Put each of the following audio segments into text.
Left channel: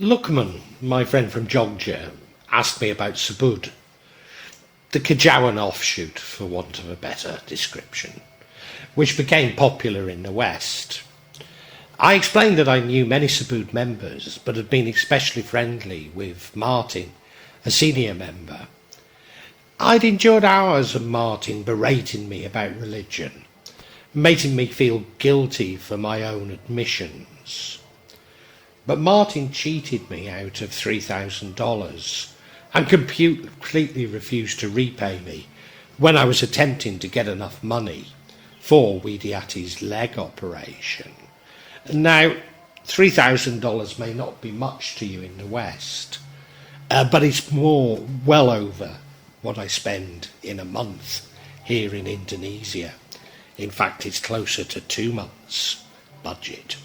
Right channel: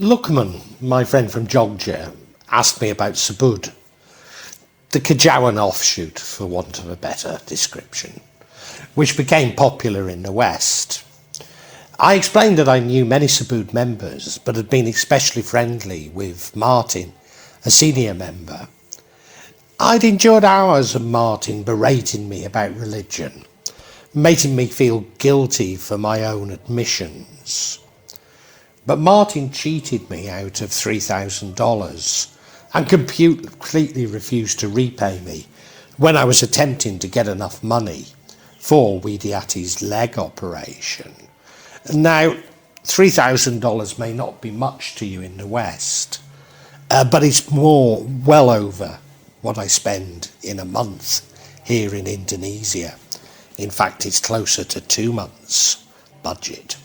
Lookman, my friend from Georgia, asked me about Subud, the Kajawan offshoot, for want of a better description, which became popular in the West. I explained that I knew many Subud members, but had been especially friendly with Martin, a senior member. I'd endured hours of Martin berating me about religion, making me feel guilty for my own admissions. But Martin cheated me out of $3,000 and completely refused to repay me when I was attempting to get enough money for Widiati's leg operation. Now, $3,000 may not be much to you in the West, but it's well over what I spend in a month here in Indonesia. In fact, it's closer to 2 months' budget.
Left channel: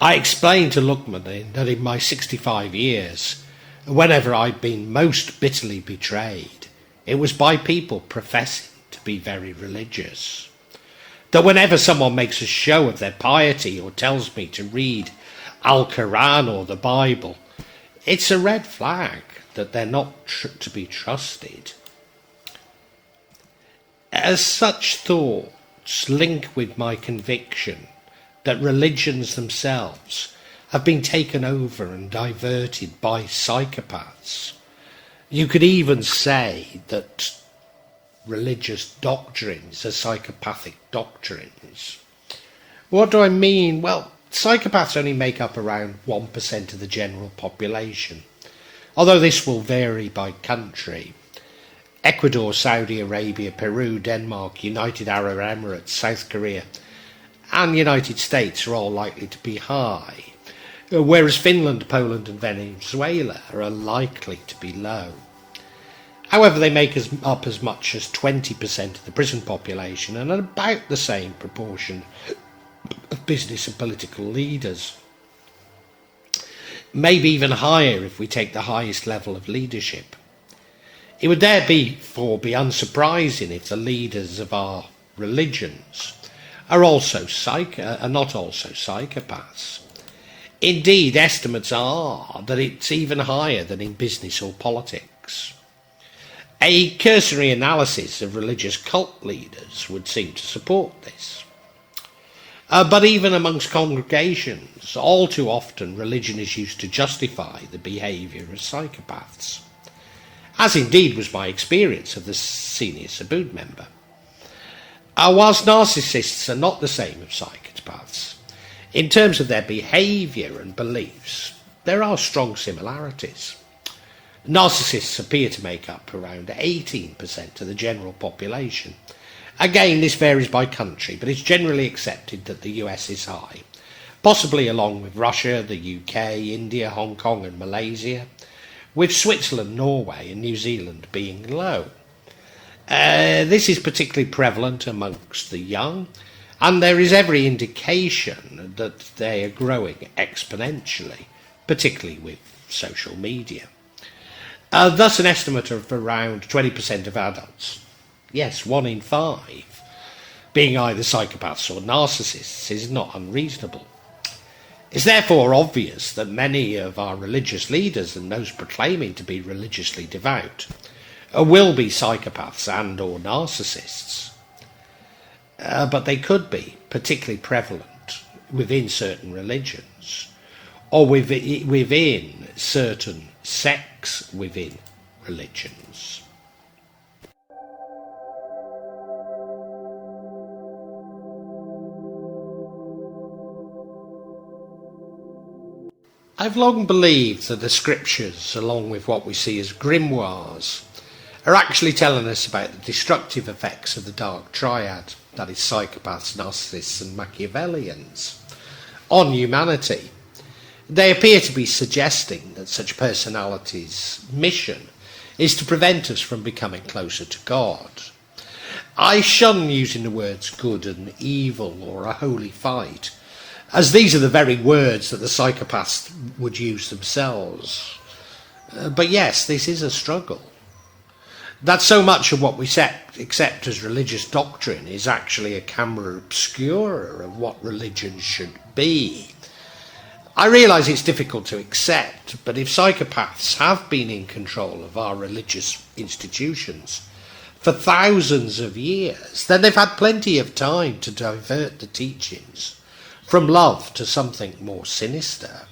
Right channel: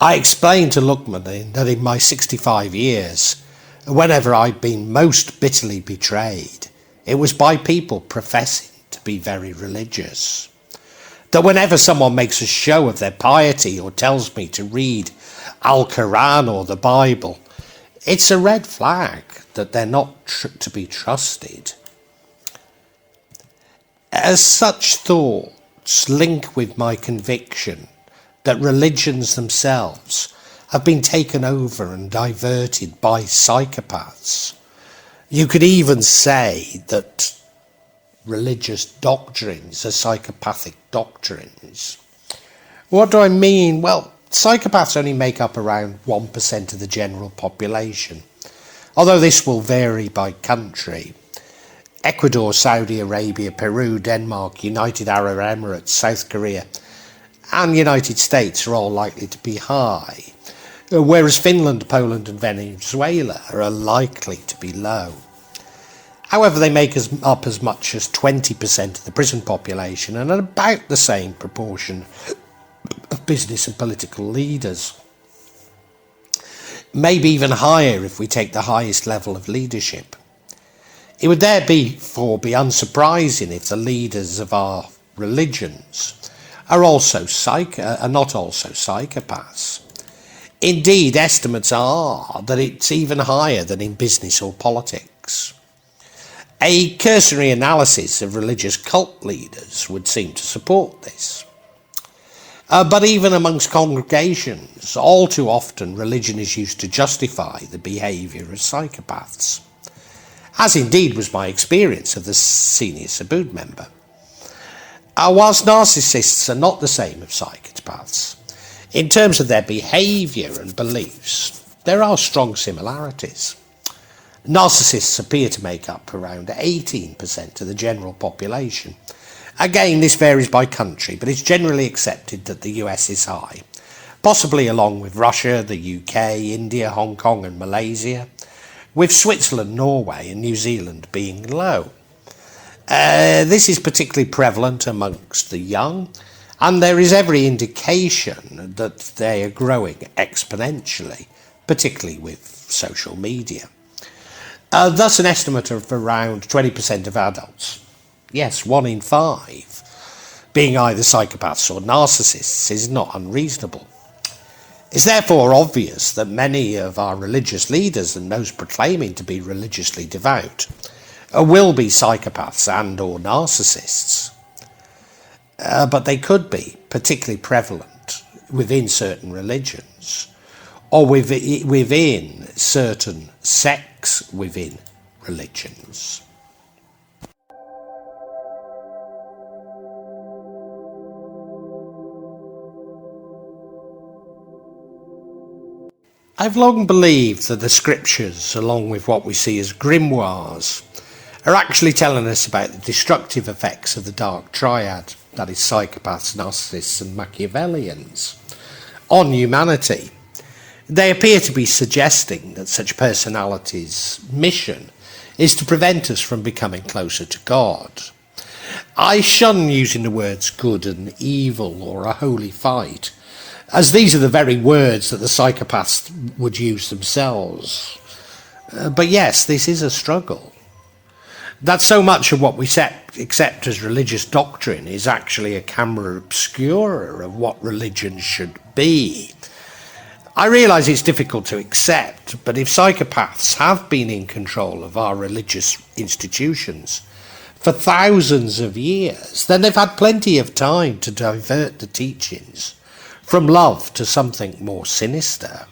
I explained to Lookman that in my 65 years, whenever I'd been most bitterly betrayed, it was by people professing to be very religious. That whenever someone makes a show of their piety or tells me to read Al-Quran or the Bible, it's a red flag that they're not to be trusted. As such thoughts link with my conviction that religions themselves have been taken over and diverted by psychopaths. You could even say that religious doctrines are psychopathic doctrines. What do I mean? Well, psychopaths only make up around 1% of the general population, although this will vary by country. Ecuador, Saudi Arabia, Peru, Denmark, United Arab Emirates, South Korea and the United States are all likely to be high, whereas Finland, Poland and Venezuela are unlikely to be low. However, they make up as much as 20% of the prison population and about the same proportion of business and political leaders. Maybe even higher if we take the highest level of leadership. It would therefore be unsurprising if the leaders of our religions are not also psychopaths. Indeed, estimates are that it's even higher than in business or politics. A cursory analysis of religious cult leaders would seem to support this. But even amongst congregations, all too often religion is used to justify the behaviour of psychopaths, as indeed was my experience of the senior Subud member. Whilst narcissists are not the same as psychopaths, in terms of their behaviour and beliefs, there are strong similarities. Narcissists appear to make up around 18% of the general population. Again, this varies by country, but it's generally accepted that the US is high, possibly along with Russia, the UK, India, Hong Kong and Malaysia, with Switzerland, Norway and New Zealand being low. This is particularly prevalent amongst the young, and there is every indication that they are growing exponentially, particularly with social media. Thus, an estimate of around 20% of adults, yes, 1 in 5, being either psychopaths or narcissists is not unreasonable. It's therefore obvious that many of our religious leaders and those proclaiming to be religiously devout will be psychopaths and or narcissists. But they could be particularly prevalent within certain religions or within certain sects within religions. I've long believed that the scriptures, along with what we see as grimoires, are actually telling us about the destructive effects of the dark triad, that is psychopaths, narcissists and Machiavellians, on humanity. They appear to be suggesting that such personalities' mission is to prevent us from becoming closer to God. I shun using the words good and evil or a holy fight, as these are the very words that the psychopaths would use themselves. But yes, this is a struggle. That so much of what we accept as religious doctrine is actually a camera obscura of what religion should be. I realise it's difficult to accept, but if psychopaths have been in control of our religious institutions for thousands of years, then they've had plenty of time to divert the teachings from love to something more sinister.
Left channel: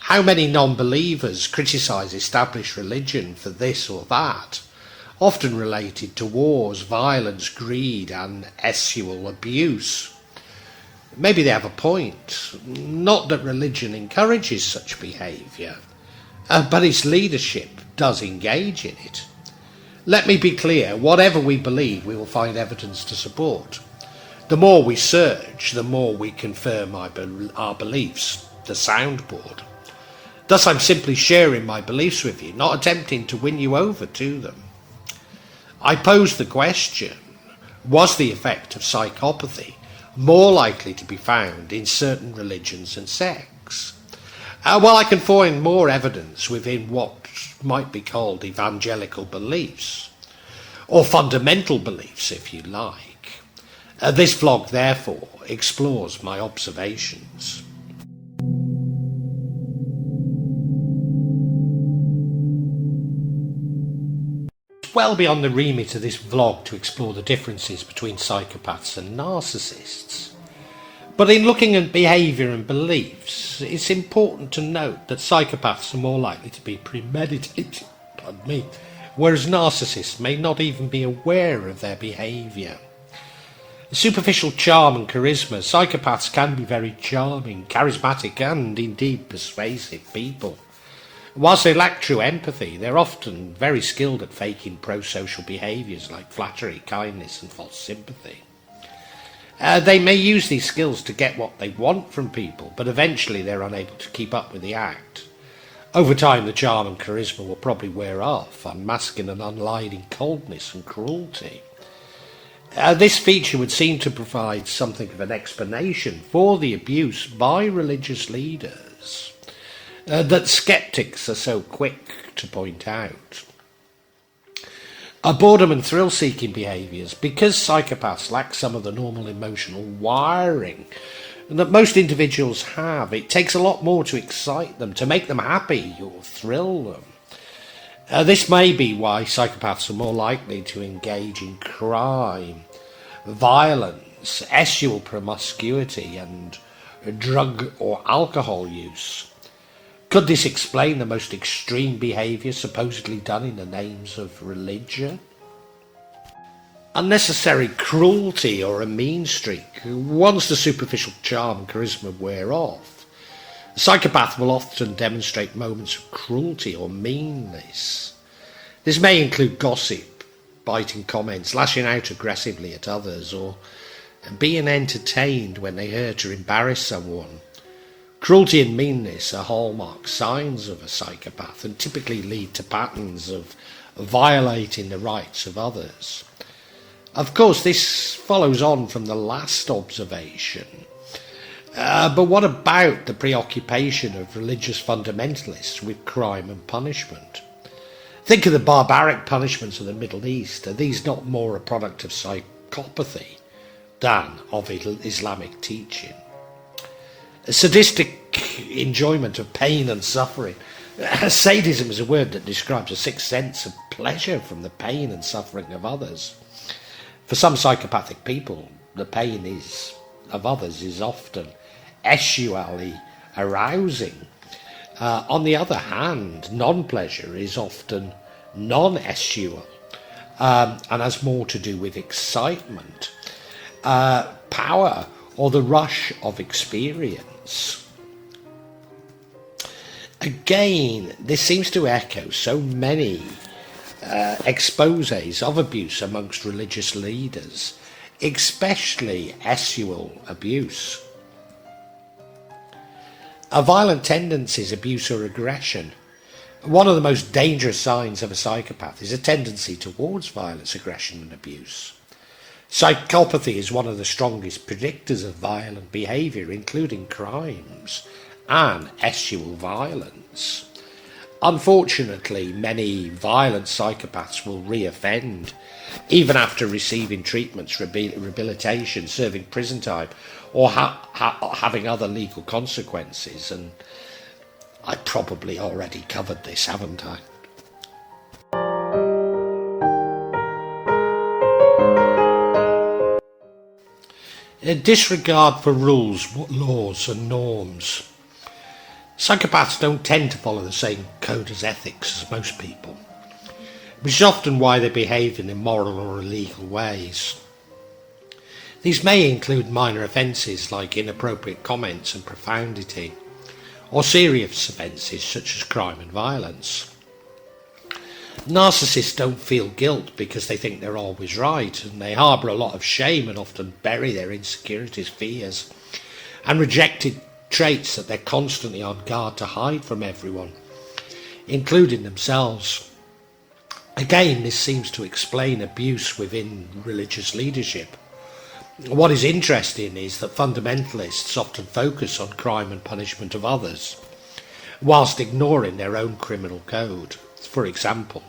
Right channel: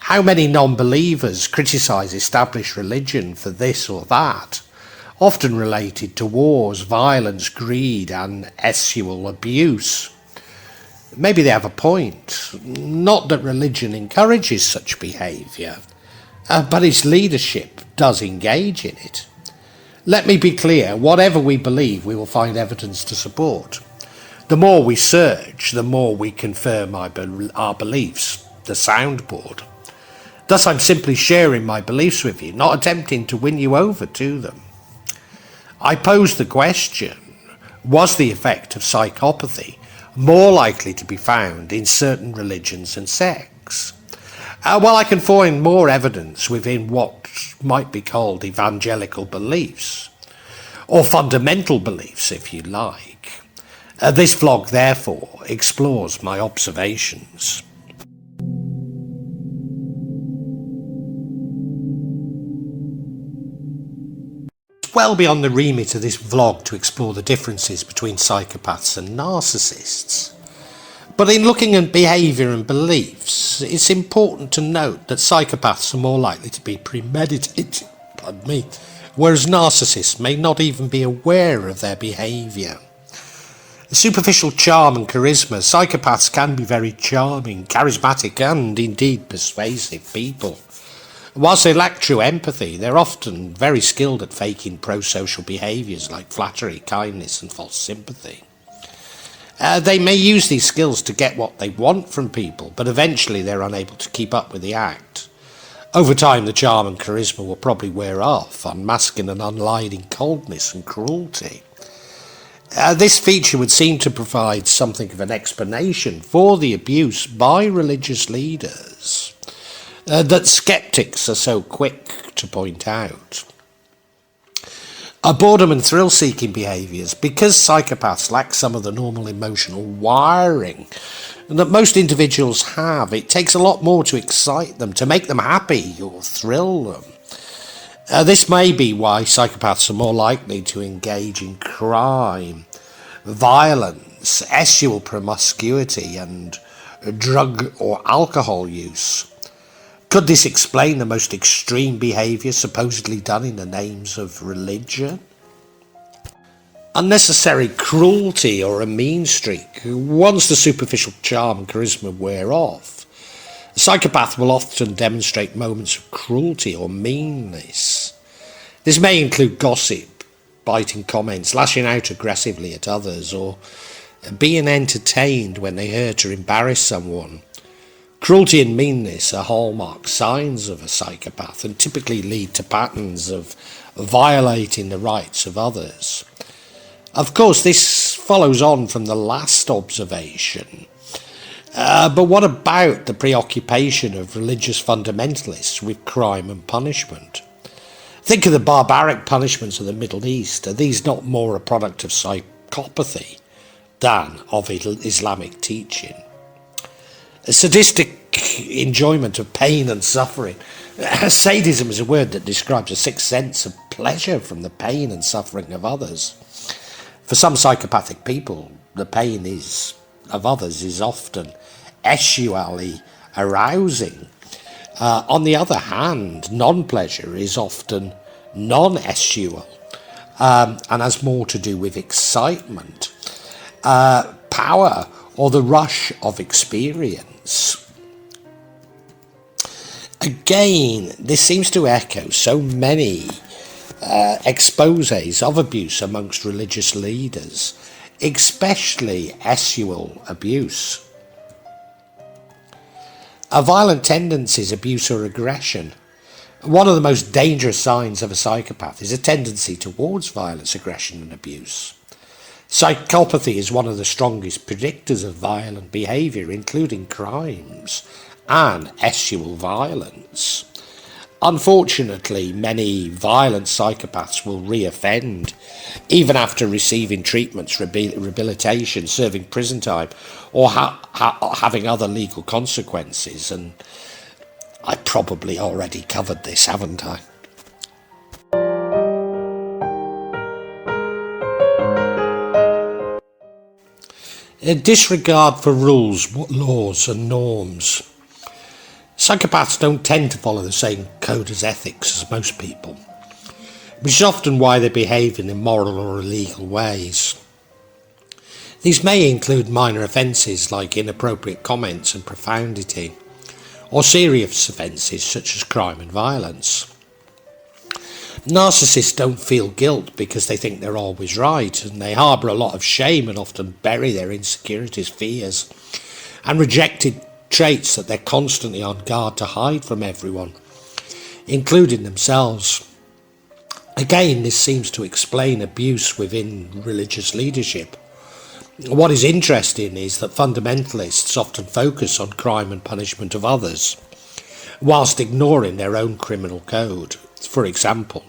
How many non-believers criticise established religion for this or that, often related to wars, violence, greed and sexual abuse? Maybe they have a point. Not that religion encourages such behaviour, but its leadership does engage in it. Let me be clear, whatever we believe, we will find evidence to support. The more we search, the more we confirm our beliefs, the soundboard. Thus I'm simply sharing my beliefs with you, not attempting to win you over to them. I pose the question, was the effect of psychopathy more likely to be found in certain religions and sects? Well, I can find more evidence within what might be called evangelical beliefs, or fundamental beliefs if you like. This vlog therefore explores my observations. Well beyond the remit of this vlog to explore the differences between psychopaths and narcissists. But in looking at behaviour and beliefs, it's important to note that psychopaths are more likely to be premeditated, whereas narcissists may not even be aware of their behaviour. Superficial charm and charisma, psychopaths can be very charming, charismatic and indeed persuasive people. Whilst they lack true empathy, they're often very skilled at faking pro-social behaviours like flattery, kindness and false sympathy. They may use these skills to get what they want from people, but eventually they're unable to keep up with the act. Over time, the charm and charisma will probably wear off, unmasking an unlying coldness and cruelty. This feature would seem to provide something of an explanation for the abuse by religious leaders that skeptics are so quick to point out. Boredom and thrill-seeking behaviours, because psychopaths lack some of the normal emotional wiring that most individuals have. It takes a lot more to excite them, to make them happy or thrill them. This may be why psychopaths are more likely to engage in crime, violence, sexual promiscuity and drug or alcohol use. Could this explain the most extreme behaviour supposedly done in the names of religion? Unnecessary cruelty or a mean streak. Once the superficial charm and charisma wear off, the psychopath will often demonstrate moments of cruelty or meanness. This may include gossip, biting comments, lashing out aggressively at others, or being entertained when they hurt or embarrass someone. Cruelty and meanness are hallmark signs of a psychopath and typically lead to patterns of violating the rights of others. Of course, this follows on from the last observation. But what about the preoccupation of religious fundamentalists with crime and punishment? Think of the barbaric punishments of the Middle East. Are these not more a product of psychopathy than of Islamic teaching? A sadistic enjoyment of pain and suffering. Sadism is a word that describes a sick sense of pleasure from the pain and suffering of others. For some psychopathic people, the pain of others is often sexually arousing. On the other hand, non-pleasure is often non-sexual and has more to do with excitement, power, or the rush of experience. Again, this seems to echo so many exposés of abuse amongst religious leaders, especially sexual abuse. Violent tendencies, abuse or aggression. One of the most dangerous signs of a psychopath is a tendency towards violence, aggression and abuse. Psychopathy is one of the strongest predictors of violent behaviour, including crimes and sexual violence. Unfortunately, many violent psychopaths will reoffend, even after receiving treatments, rehabilitation, serving prison time, or having other legal consequences. And I probably already covered this, haven't I? A disregard for rules, laws and norms. Psychopaths don't tend to follow the same code as ethics as most people, which is often why they behave in immoral or illegal ways. These may include minor offences like inappropriate comments and profundity, or serious offences such as crime and violence. Narcissists don't feel guilt because they think they're always right, and they harbour a lot of shame and often bury their insecurities, fears, and rejected traits that they're constantly on guard to hide from everyone, including themselves. Again, this seems to explain abuse within religious leadership. What is interesting is that fundamentalists often focus on crime and punishment of others, whilst ignoring their own criminal code. For example,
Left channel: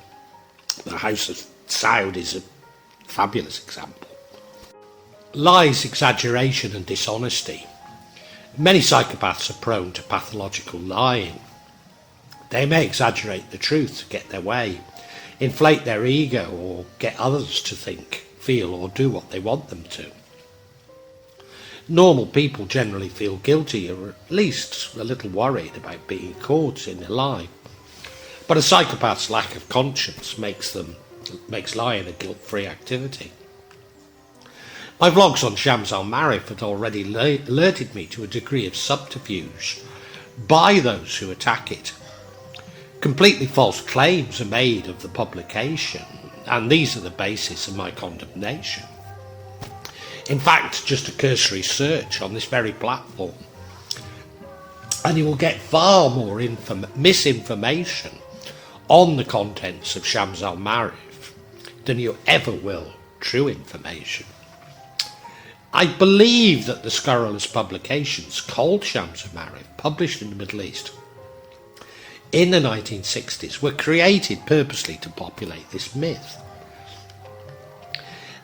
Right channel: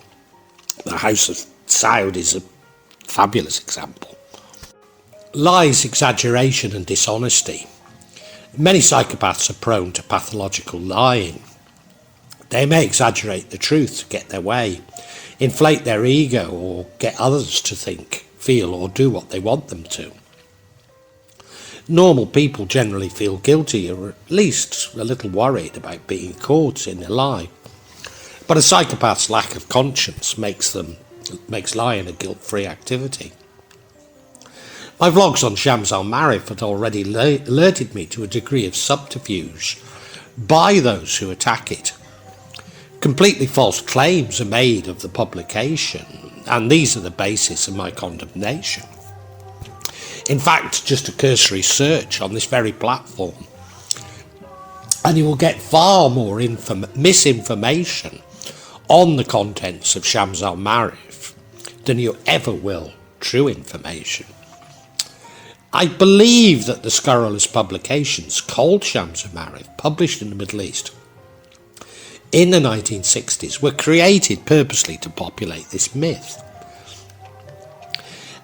the House of Saud is a fabulous example. Lies, exaggeration and dishonesty. Many psychopaths are prone to pathological lying. They may exaggerate the truth to get their way, inflate their ego, or get others to think, feel or do what they want them to. Normal people generally feel guilty, or at least a little worried about being caught in a lie. But a psychopath's lack of conscience makes lying a guilt-free activity. My vlogs on Shams al-Marif had already alerted me to a degree of subterfuge by those who attack it. Completely false claims are made of the publication, and these are the basis of my condemnation. In fact, just a cursory search on this very platform, and you will get far more misinformation on the contents of Shams al-Marif than you ever will true information. I believe that the scurrilous publications called Shams al-Marif, published in the Middle East in the 1960s, were created purposely to populate this myth.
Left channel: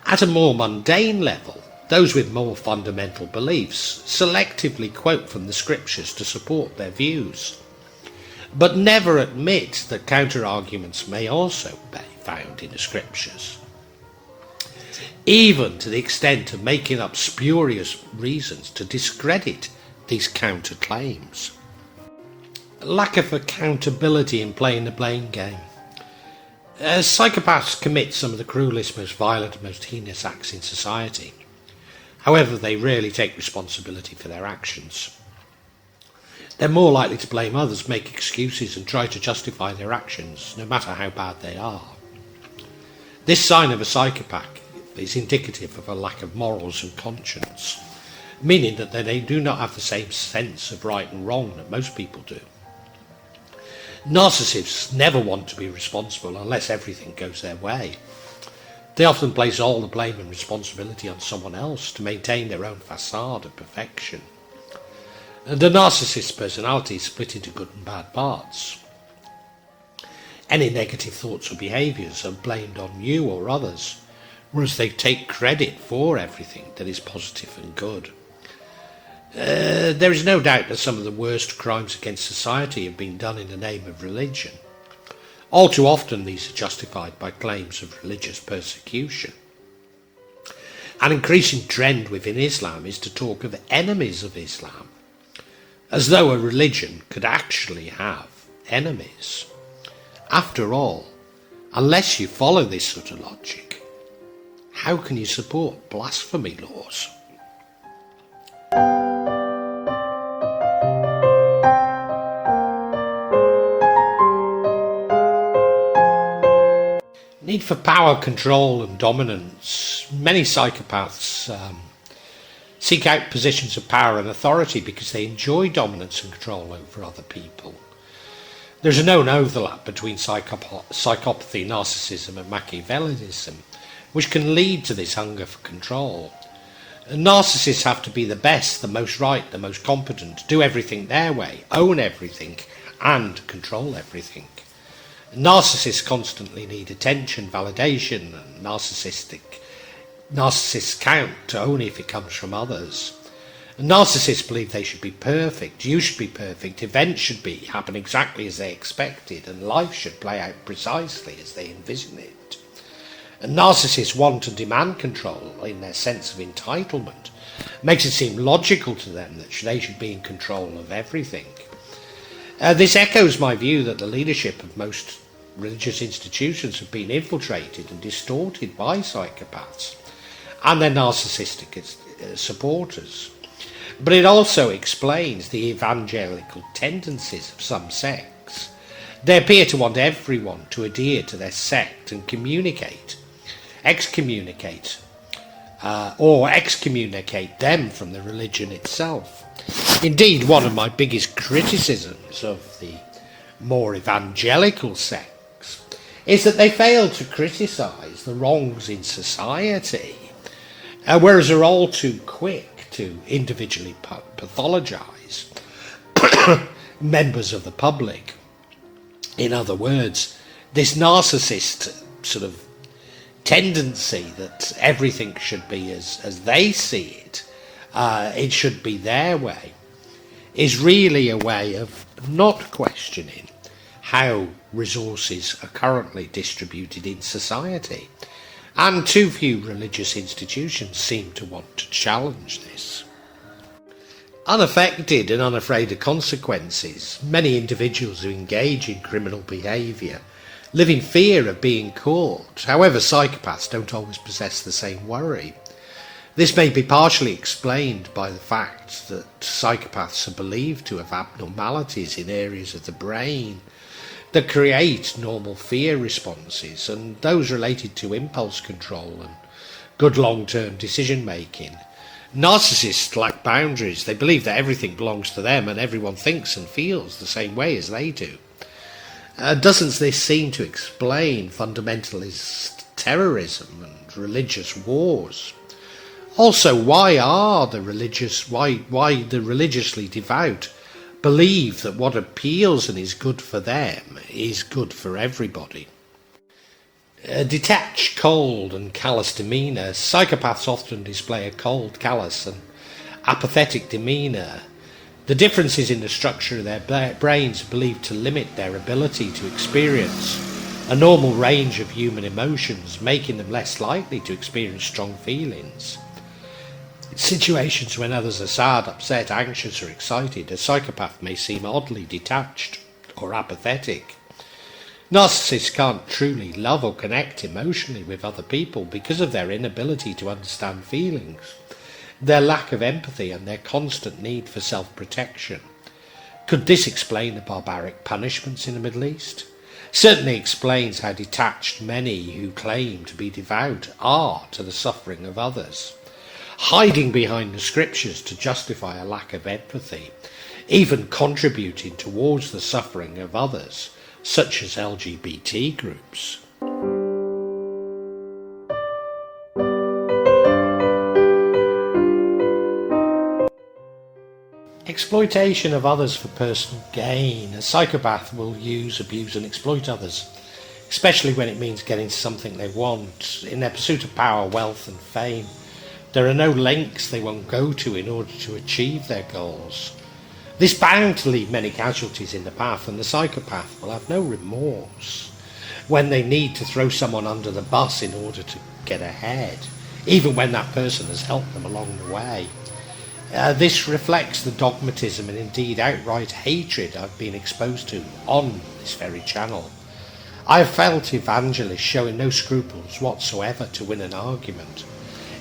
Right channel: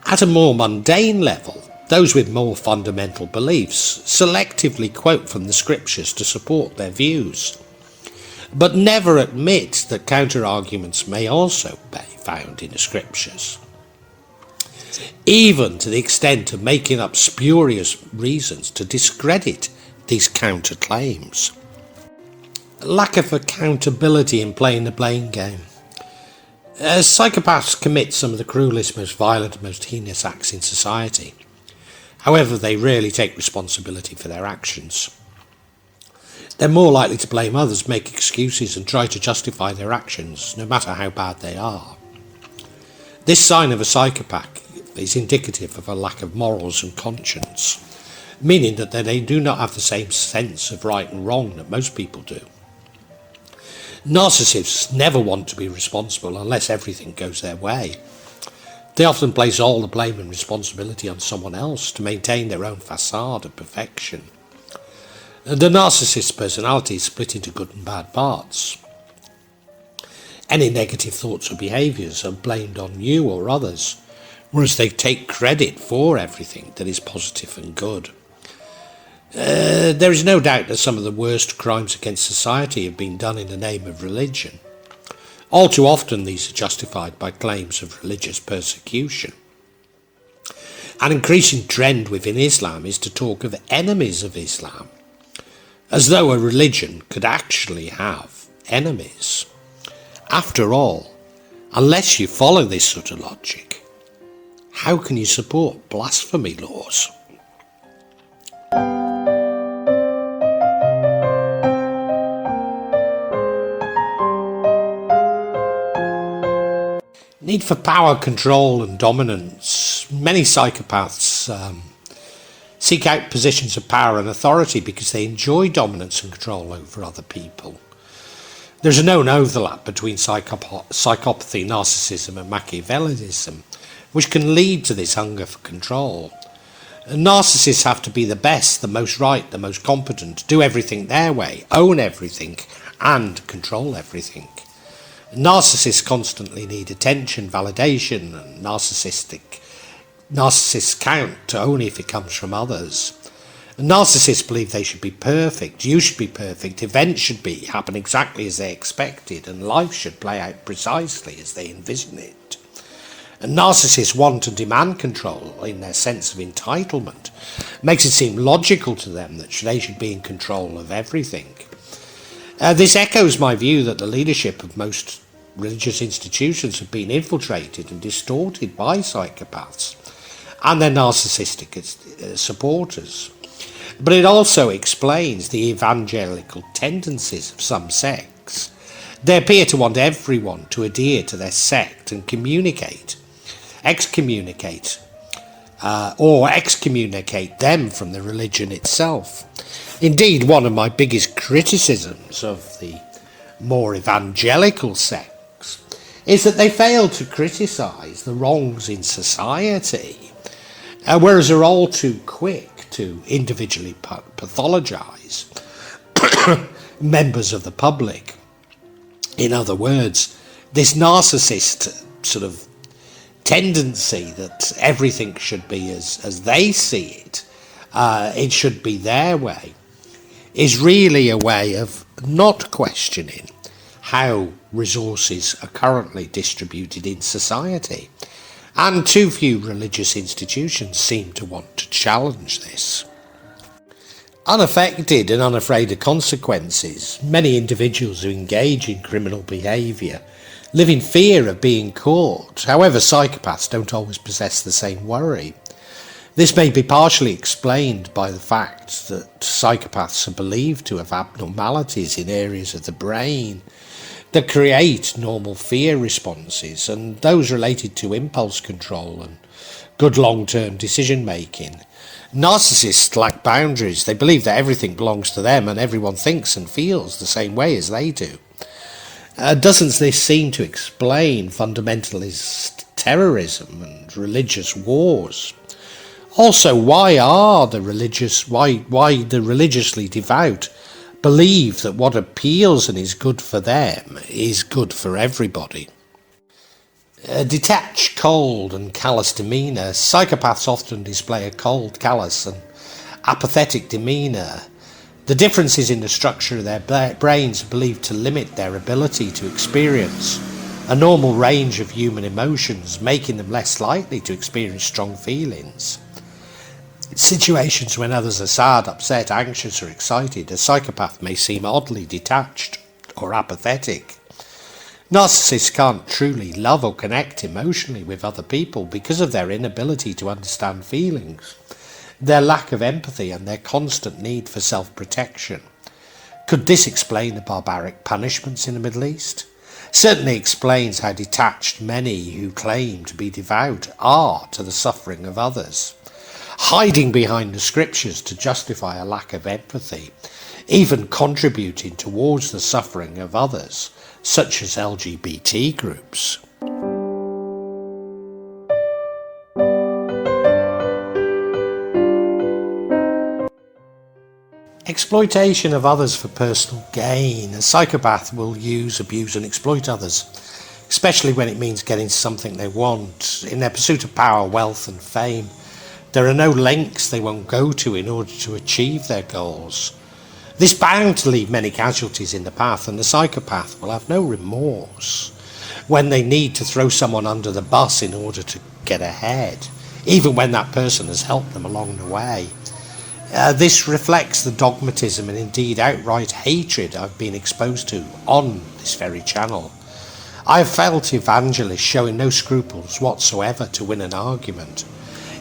At a more mundane level, those with more fundamental beliefs selectively quote from the scriptures to support their views, but never admit that counter-arguments may also be found in the scriptures, even to the extent of making up spurious reasons to discredit these counter-claims. Lack of accountability in playing the blame game. Psychopaths commit some of the cruelest, most violent and most heinous acts in society. However, they rarely take responsibility for their actions. They're more likely to blame others, make excuses and try to justify their actions, no matter how bad they are. This sign of a psychopath is indicative of a lack of morals and conscience, meaning that they do not have the same sense of right and wrong that most people do. Narcissists never want to be responsible unless everything goes their way. They often place all the blame and responsibility on someone else to maintain their own facade of perfection. The narcissist's personality is split into good and bad parts. Any negative thoughts or behaviours are blamed on you or others, whereas they take credit for everything that is positive and good. There is no doubt that some of the worst crimes against society have been done in the name of religion. All too often these are justified by claims of religious persecution. An increasing trend within Islam is to talk of enemies of Islam, as though a religion could actually have enemies. After all, unless you follow this sort of logic, how can you support blasphemy laws? Need for power, control and dominance. Many psychopaths seek out positions of power and authority because they enjoy dominance and control over other people. There's a known overlap between psychopathy, narcissism and Machiavellianism, which can lead to this hunger for control. Narcissists have to be the best, the most right, the most competent, do everything their way, own everything, and control everything. Narcissists constantly need attention, validation, and narcissists count only if it comes from others. Narcissists believe they should be perfect, you should be perfect, events should happen exactly as they expected, and life should play out precisely as they envision it. And narcissists want and demand control in their sense of entitlement. It makes it seem logical to them that they should be in control of everything. This echoes my view that the leadership of most religious institutions have been infiltrated and distorted by psychopaths and their narcissistic supporters. But it also explains the evangelical tendencies of some sects. They appear to want everyone to adhere to their sect and excommunicate them from the religion itself. Indeed, one of my biggest criticisms of the more evangelical sects is that they fail to criticise the wrongs in society, whereas they're all too quick to individually pathologise members of the public. In other words, this narcissist sort of tendency that everything should be as they see it, it should be their way, is really a way of not questioning how resources are currently distributed in society. And too few religious institutions seem to want to challenge this. Unaffected and unafraid of consequences, many individuals who engage in criminal behaviour live in fear of being caught. However, psychopaths don't always possess the same worry. This may be partially explained by the fact that psychopaths are believed to have abnormalities in areas of the brain that create normal fear responses, and those related to impulse control and good long-term decision making. Narcissists lack boundaries. They believe that everything belongs to them and everyone thinks and feels the same way as they do. Doesn't this seem to explain fundamentalist terrorism and religious wars? Also, why the religiously devout believe that what appeals and is good for them is good for everybody? A detached, cold and callous demeanour. Psychopaths often display a cold, callous and apathetic demeanour. The differences in the structure of their brains are believed to limit their ability to experience a normal range of human emotions, making them less likely to experience strong feelings. In situations when others are sad, upset, anxious or excited, a psychopath may seem oddly detached or apathetic. Narcissists can't truly love or connect emotionally with other people because of their inability to understand feelings, their lack of empathy and their constant need for self-protection. Could this explain the barbaric punishments in the Middle East? Certainly explains how detached many who claim to be devout are to the suffering of others, hiding behind the scriptures to justify a lack of empathy, even contributing towards the suffering of others, such as LGBT groups. Exploitation of others for personal gain. A psychopath will use, abuse and exploit others, especially when it means getting something they want. In their pursuit of power, wealth and fame, there are no lengths they won't go to in order to achieve their goals. This bound to leave many casualties in the path, and the psychopath will have no remorse when they need to throw someone under the bus in order to get ahead, even when that person has helped them along the way. This reflects the dogmatism and indeed outright hatred I've been exposed to on this very channel. I have felt evangelists showing no scruples whatsoever to win an argument,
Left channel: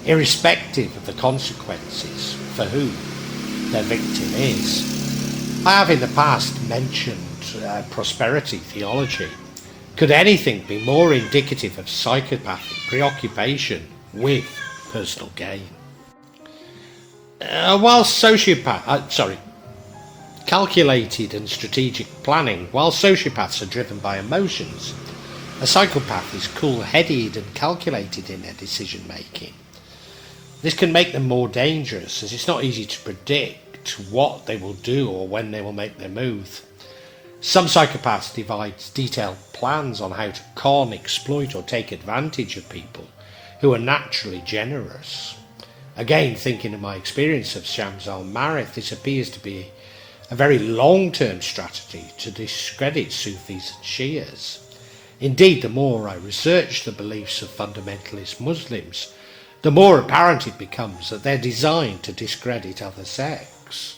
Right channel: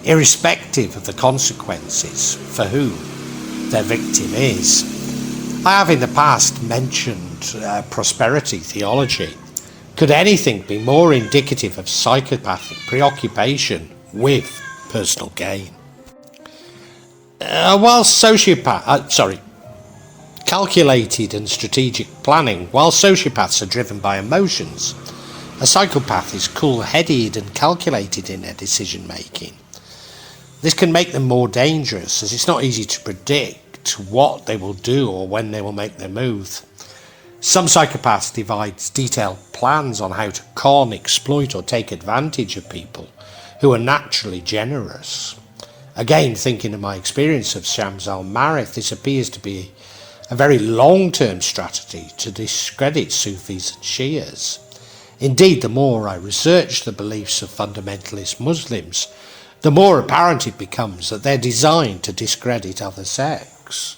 irrespective of the consequences for who their victim is. I have in the past mentioned prosperity theology. Could anything be more indicative of psychopathic preoccupation with personal gain? Calculated and strategic planning. While sociopaths are driven by emotions, a psychopath is cool-headed and calculated in their decision-making. This can make them more dangerous, as it's not easy to predict what they will do or when they will make their move. Some psychopaths devise detailed plans on how to con, exploit or take advantage of people who are naturally generous. Again, thinking of my experience of Shams al-Marif, this appears to be a very long-term strategy to discredit Sufis and Shias. Indeed, the more I research the beliefs of fundamentalist Muslims, the more apparent it becomes that they're designed to discredit other sects.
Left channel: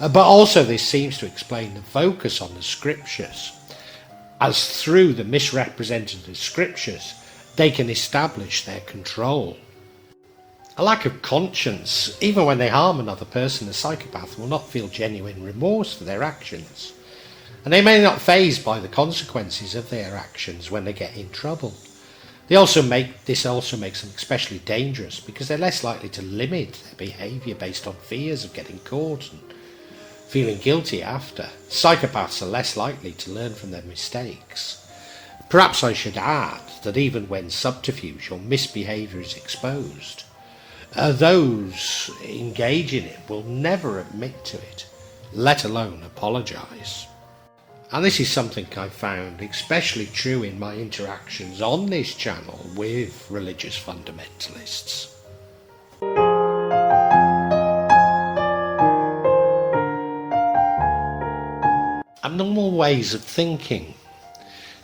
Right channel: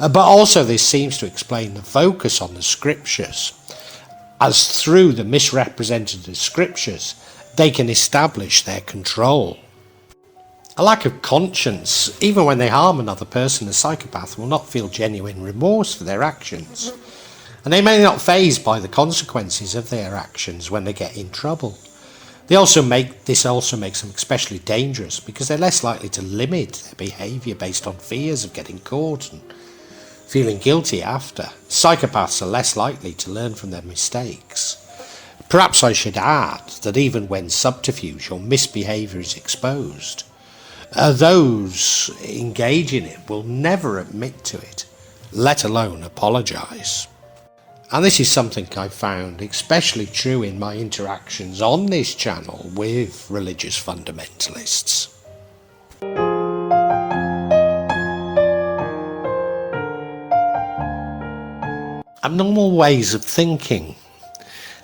But also this seems to explain the focus on the scriptures, as through the misrepresented scriptures they can establish their control. A lack of conscience, even when they harm another person, a psychopath will not feel genuine remorse for their actions, and they may not fazed by the consequences of their actions when they get in trouble. This also makes them especially dangerous because they're less likely to limit their behaviour based on fears of getting caught and feeling guilty after. Psychopaths are less likely to learn from their mistakes. Perhaps I should add that even when subterfuge or misbehaviour is exposed, those engaging in it will never admit to it, let alone apologise. And this is something I've found especially true in my interactions on this channel with religious fundamentalists. Abnormal ways of thinking.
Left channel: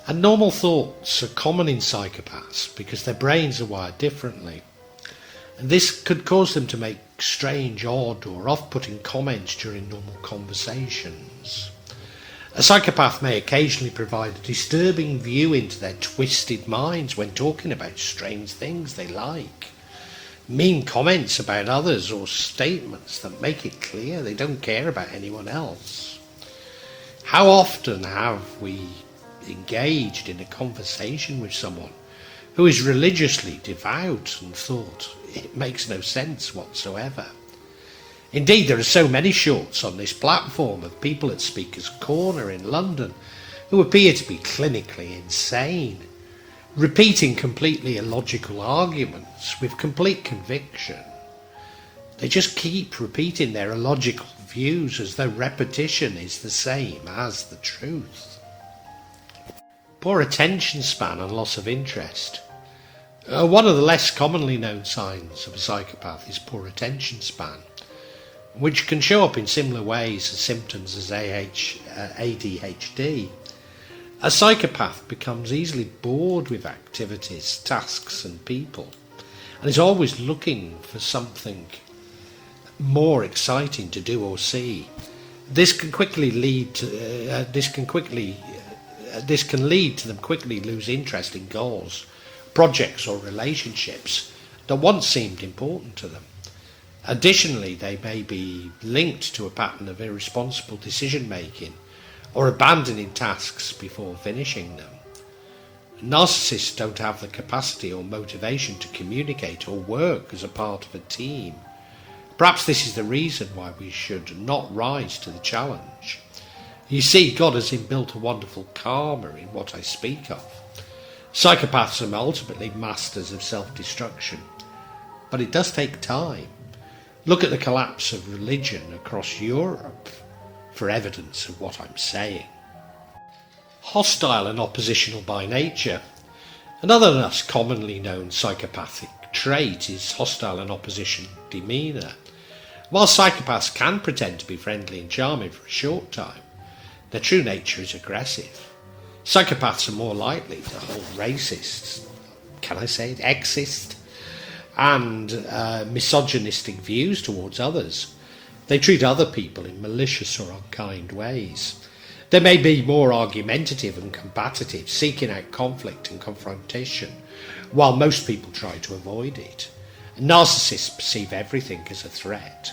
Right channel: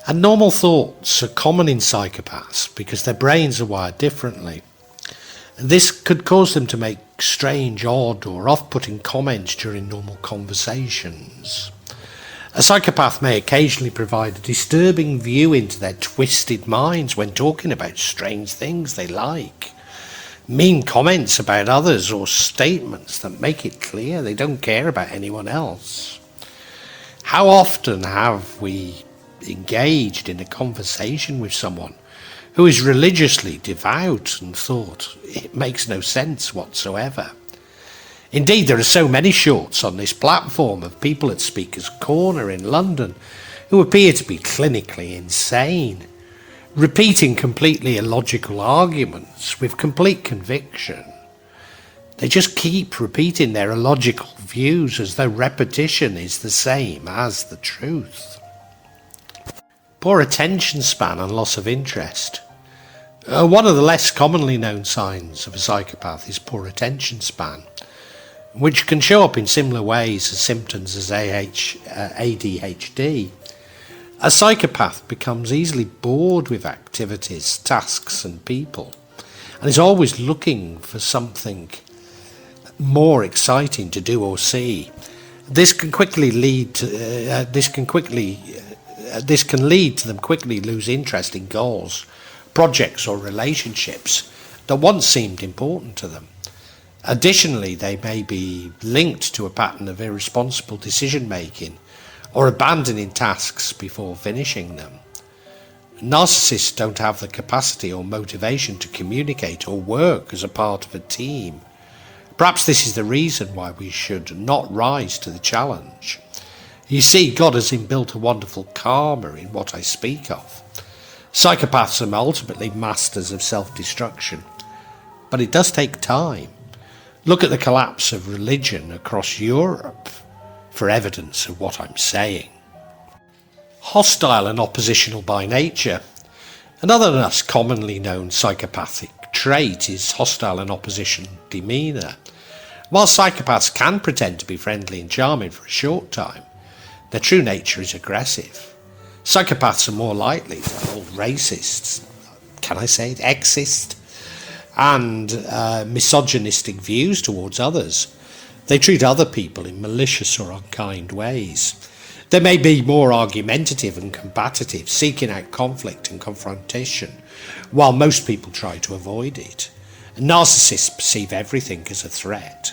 Abnormal thoughts are common in psychopaths because their brains are wired differently. This could cause them to make strange, odd or off-putting comments during normal conversations. A psychopath may occasionally provide a disturbing view into their twisted minds when talking about strange things they like. Mean comments about others or statements that make it clear they don't care about anyone else. How often have we engaged in a conversation with someone who is religiously devout and thought it makes no sense whatsoever? Indeed, there are so many shorts on this platform of people at Speaker's Corner in London who appear to be clinically insane, repeating completely illogical arguments with complete conviction. They just keep repeating their illogical views as though repetition is the same as the truth. Poor attention span and loss of interest. One of the less commonly known signs of a psychopath is poor attention span, which can show up in similar ways as symptoms as ADHD. A psychopath becomes easily bored with activities, tasks and people, and is always looking for something more exciting to do or see. This can lead to them quickly lose interest in goals, projects or relationships that once seemed important to them. Additionally, they may be linked to a pattern of irresponsible decision-making or abandoning tasks before finishing them. Narcissists don't have the capacity or motivation to communicate or work as a part of a team. Perhaps this is the reason why we should not rise to the challenge. You see, God has inbuilt a wonderful karma in what I speak of. Psychopaths are ultimately masters of self-destruction, but it does take time. Look at the collapse of religion across Europe for evidence of what I'm saying. Hostile and oppositional by nature. Another less commonly known psychopathic trait is hostile and opposition demeanour. While psychopaths can pretend to be friendly and charming for a short time, their true nature is aggressive. Psychopaths are more likely to hold racist, sexist, and misogynistic views towards others. They treat other people in malicious or unkind ways. They may be more argumentative and combative, seeking out conflict and confrontation, while most people try to avoid it. Narcissists perceive everything as a threat.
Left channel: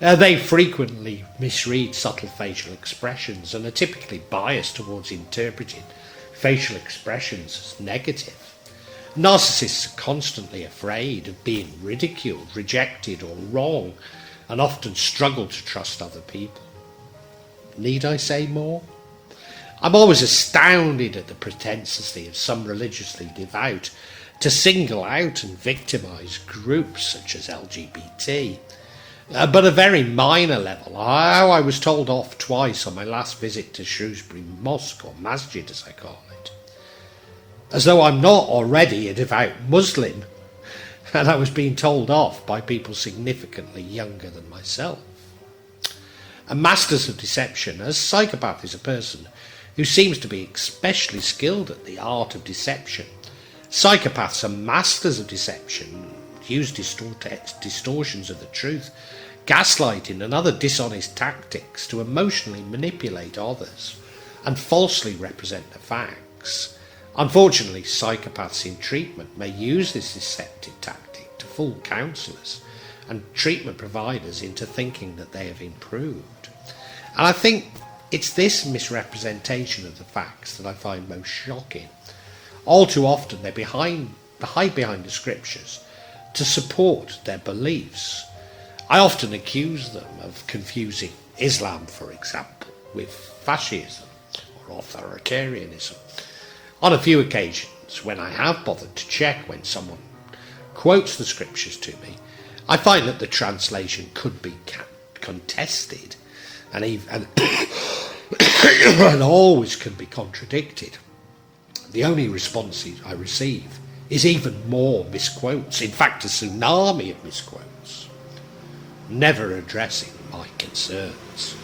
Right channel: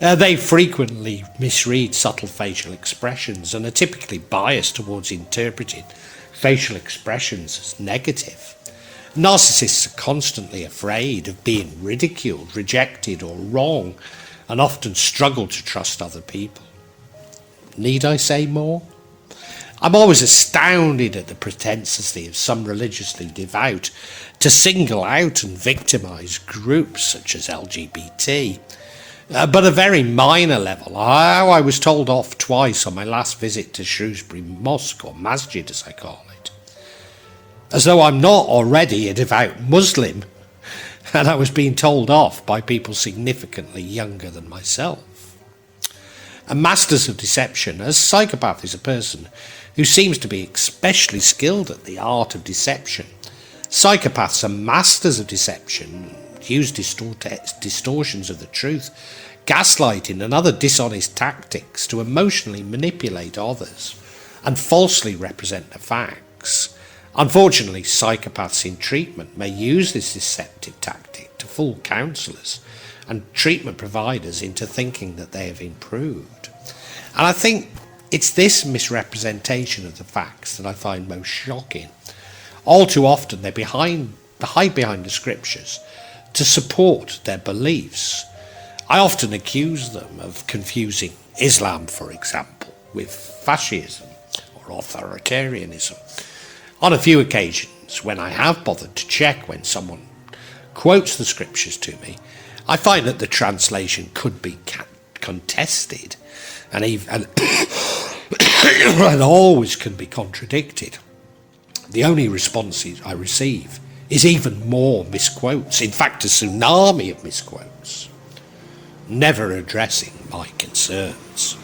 They frequently misread subtle facial expressions and are typically biased towards interpreting facial expressions as negative. Narcissists are constantly afraid of being ridiculed, rejected or wrong, and often struggle to trust other people. Need I say more? I'm always astounded at the propensity of some religiously devout to single out and victimise groups such as LGBT. But a very minor level. I was told off twice on my last visit to Shrewsbury Mosque, or Masjid as I call it, as though I'm not already a devout Muslim, and I was being told off by people significantly younger than myself. And masters of deception, as psychopath is a person who seems to be especially skilled at the art of deception. Psychopaths are masters of deception, use distortions of the truth, gaslighting and other dishonest tactics to emotionally manipulate others and falsely represent the facts. Unfortunately, psychopaths in treatment may use this deceptive tactic to fool counsellors and treatment providers into thinking that they have improved. And I think it's this misrepresentation of the facts that I find most shocking. All too often they hide behind the scriptures to support their beliefs. I often accuse them of confusing Islam, for example, with fascism or authoritarianism. On a few occasions, when I have bothered to check when someone quotes the scriptures to me, I find that the translation could be contested and and always can be contradicted. The only response I receive is even more misquotes, in fact a tsunami of misquotes, never addressing my concerns.